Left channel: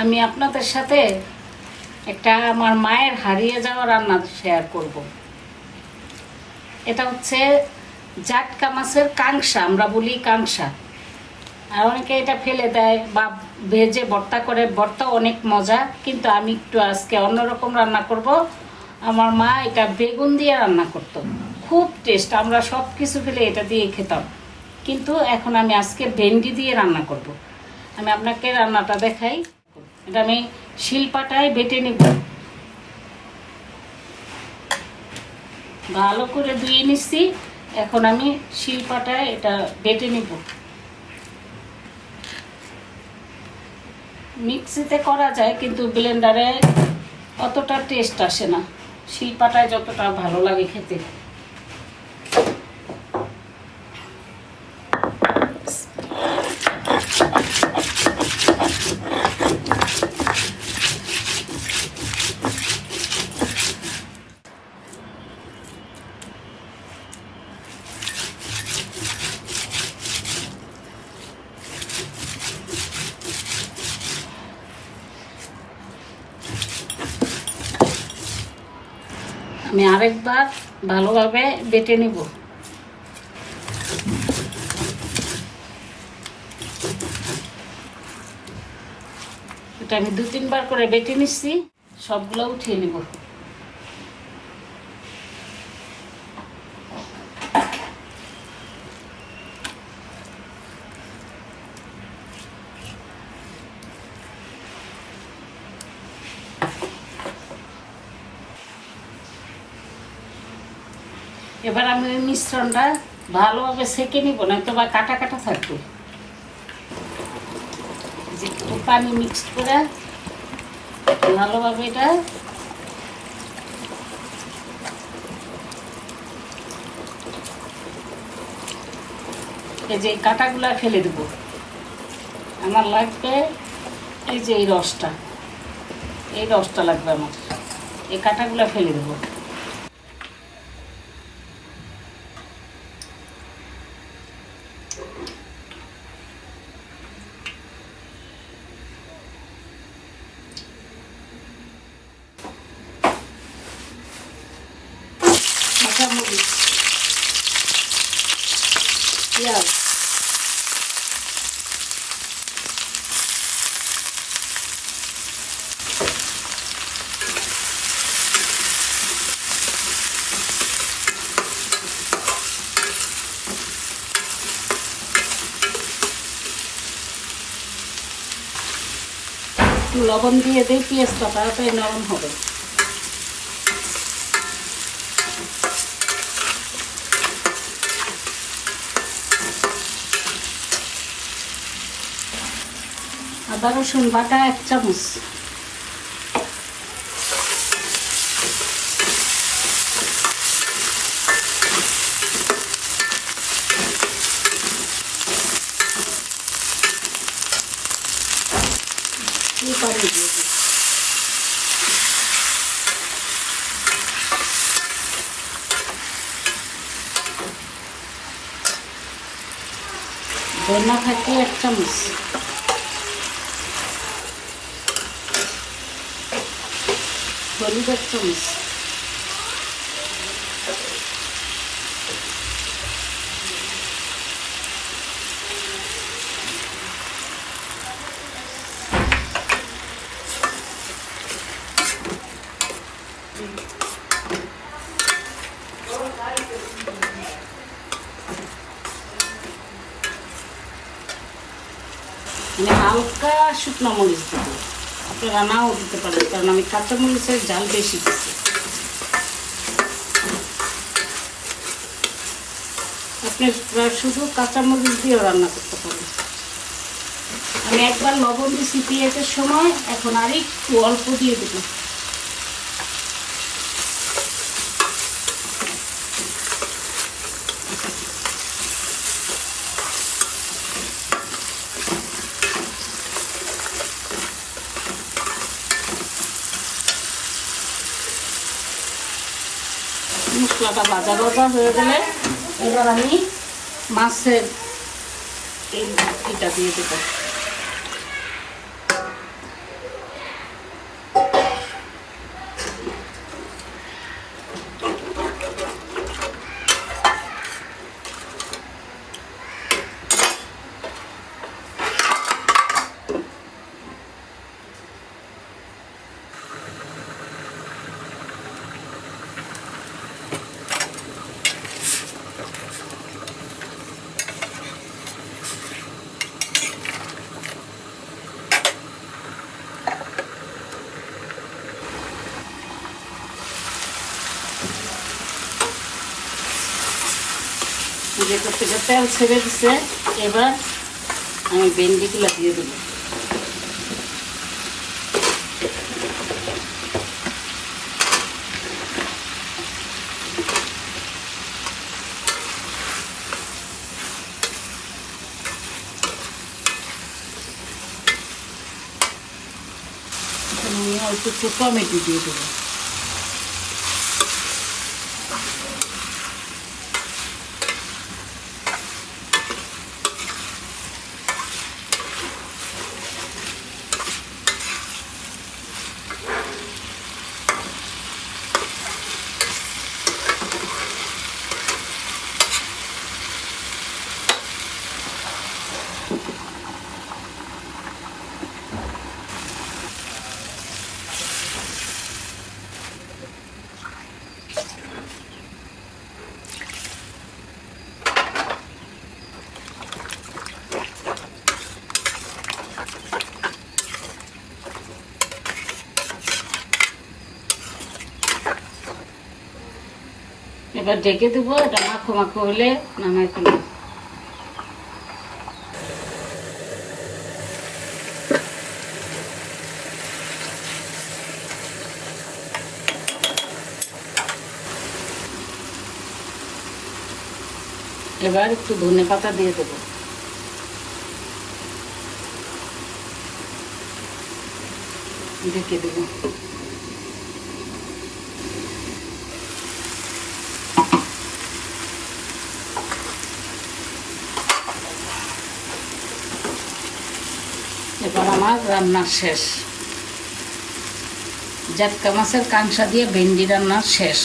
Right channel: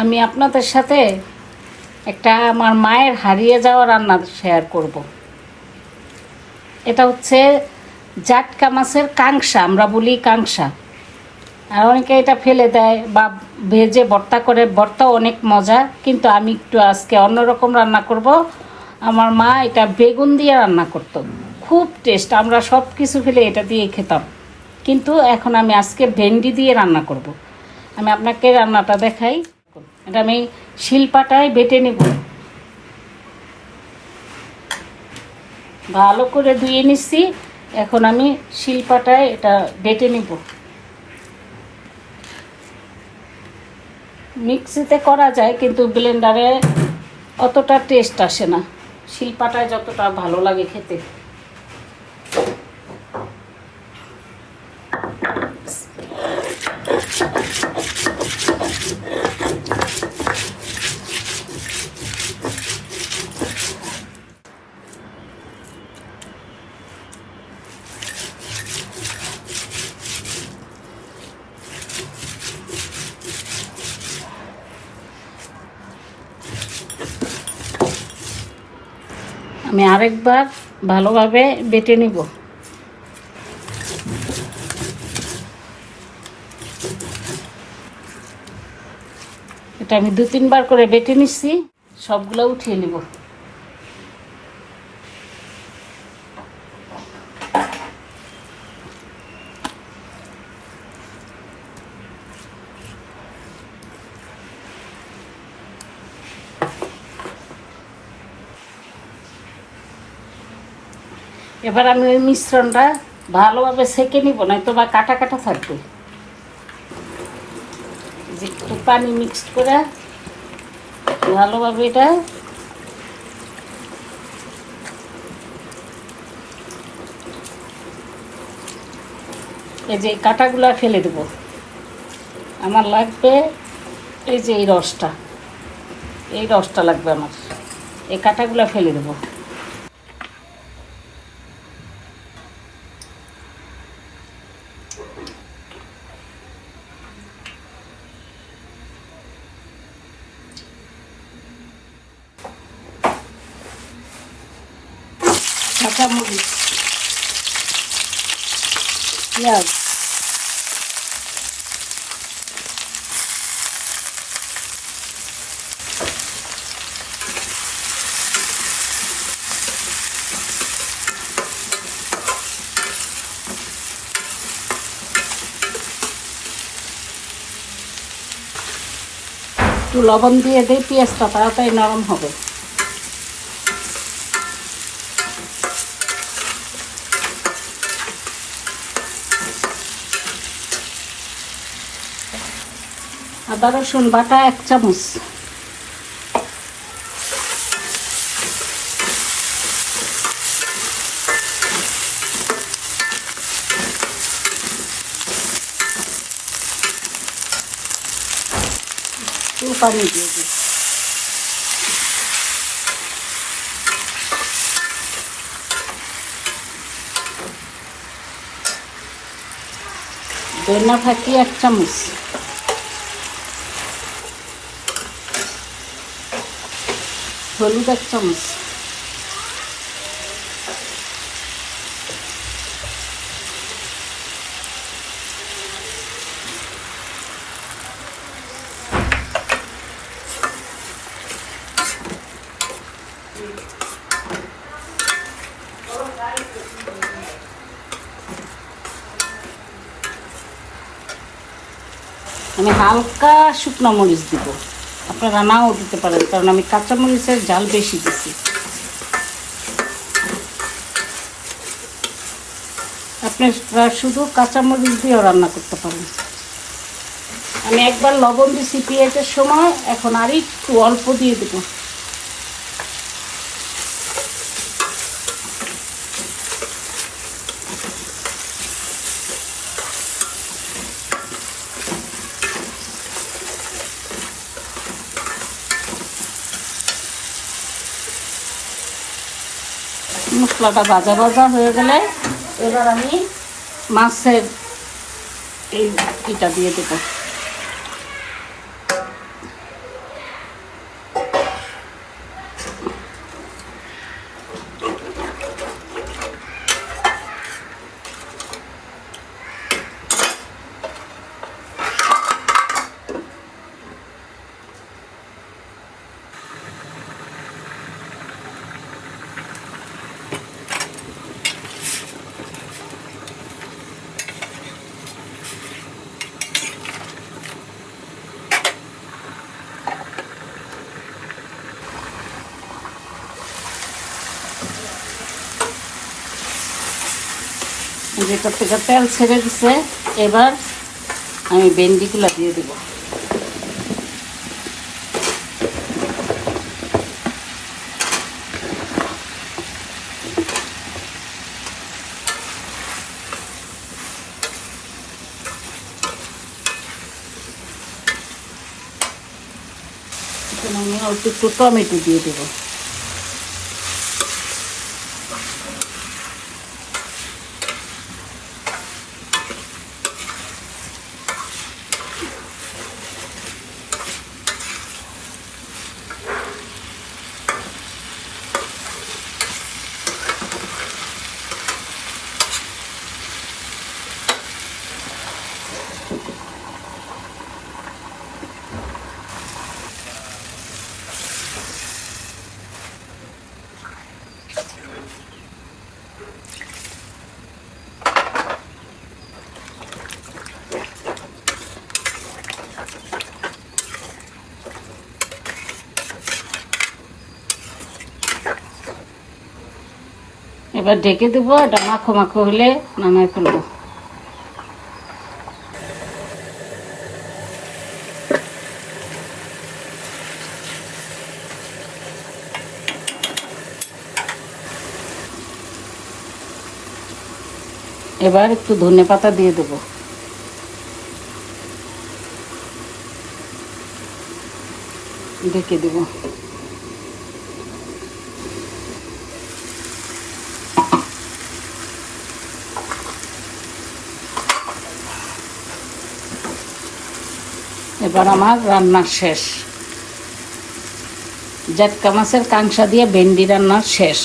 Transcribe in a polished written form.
আমি আপনাদের সাথে একটা আমার মায়ের হারিয়ে যাওয়া রান্না শেয়ার করব। এটা হচ্ছে জাটকা মাছের কাংসা, আমরা বলি কাংসা। আর অনেকে এটা ফেলে দেয় বা ভেজে ভর্তা করে, ভর্তা অনেক মজা, কিন্তু আমি একটু আজকে অন্যরকম রান্না করব। আমার মা এটা বেগুন দিয়ে রান্না করতো, খুব টেস্ট। আমরা সব কিছু ফেলে এটা দিয়ে খেতাম, কিন্তু এখন আমি আজকে ভেন্ডি দিয়ে রান্না করব। আমি আপনাকে রান্নাটা দেখাই। এটা আমি শিলপাটায় বেটে নেব, ভালো করে ধুয়ে নিচ্ছি। এখন আমি শিলপাটায় এটা বেটে নিব। মিক্সিতে করা যায়, কিন্তু ব্লেন্ডারে অতটা টেস্ট আসে না, শিলপাটায় যতটা ভালো লাগে খেতে। আমি আরেকবার ভালোভাবে বেটে নিব। এটা আমি 2-3 বার করে বেটে নিচ্ছি, সবগুলো উঠিয়ে নিব। এবার আমি ওই মিশ্রণটা ভালোভাবে সেঁকে নিব, নয়তো বা কাটা কাটা থাকবে। যে একটু পানি মিক্সড করে ভালোভাবে এটা এই যে কাটাগুলা ফেলে দেব। আমার লাগবে এই যে এই রসটা লাগবে আমার। এই কাটাগুলা ফেলে দেবো। কাঁচামরিচ, পেঁয়াজ, একটু লবণ দিয়ে দিই, পেঁয়াজটা তাড়াতাড়ি নরম হবে। আদা রসুন বাটা 1 চামচ, পানি দিয়ে দিই। ধনিয়া ফাঁকি 1 চামচ, হলুদ 1 চামচ, আমি হালকা শুকনো মরিচ দিব। আপনারা নাও দিতে পারেন, কারণ আমি কাঁচা মরিচের ঝাল বেশি দিচ্ছি। আপনি শুধু কাঁচা মরিচ দিয়েও রান্না করতে পারেন। আমি একবার লবণ দিচ্ছি পেঁয়াজের সময়, এখন আর একটু অল্প দিয়ে দেব। মশলাটা ভাজা ভাজা হয়ে গেলে এবার আমি মাছের এটা দিয়ে দেবো। উপর থেকে তেল ছেড়ে দিচ্ছে। এবার আমি ভেন্ডিগুলো দিয়ে দেবো। আমি অল্প একটু টমেটো দিয়ে দেবো। এবার ঢেকে দেবো। এটা মাখো মাখো হলে নামাই ফেলবো। এবার একটু ধনেপাতা দিয়ে দেবো। ঢেকে দেবো। এবার আমার রান্না শেষ। জাটকা মাছের কাঁকড়া দিয়ে ভেন্ডি রান্না শেষ।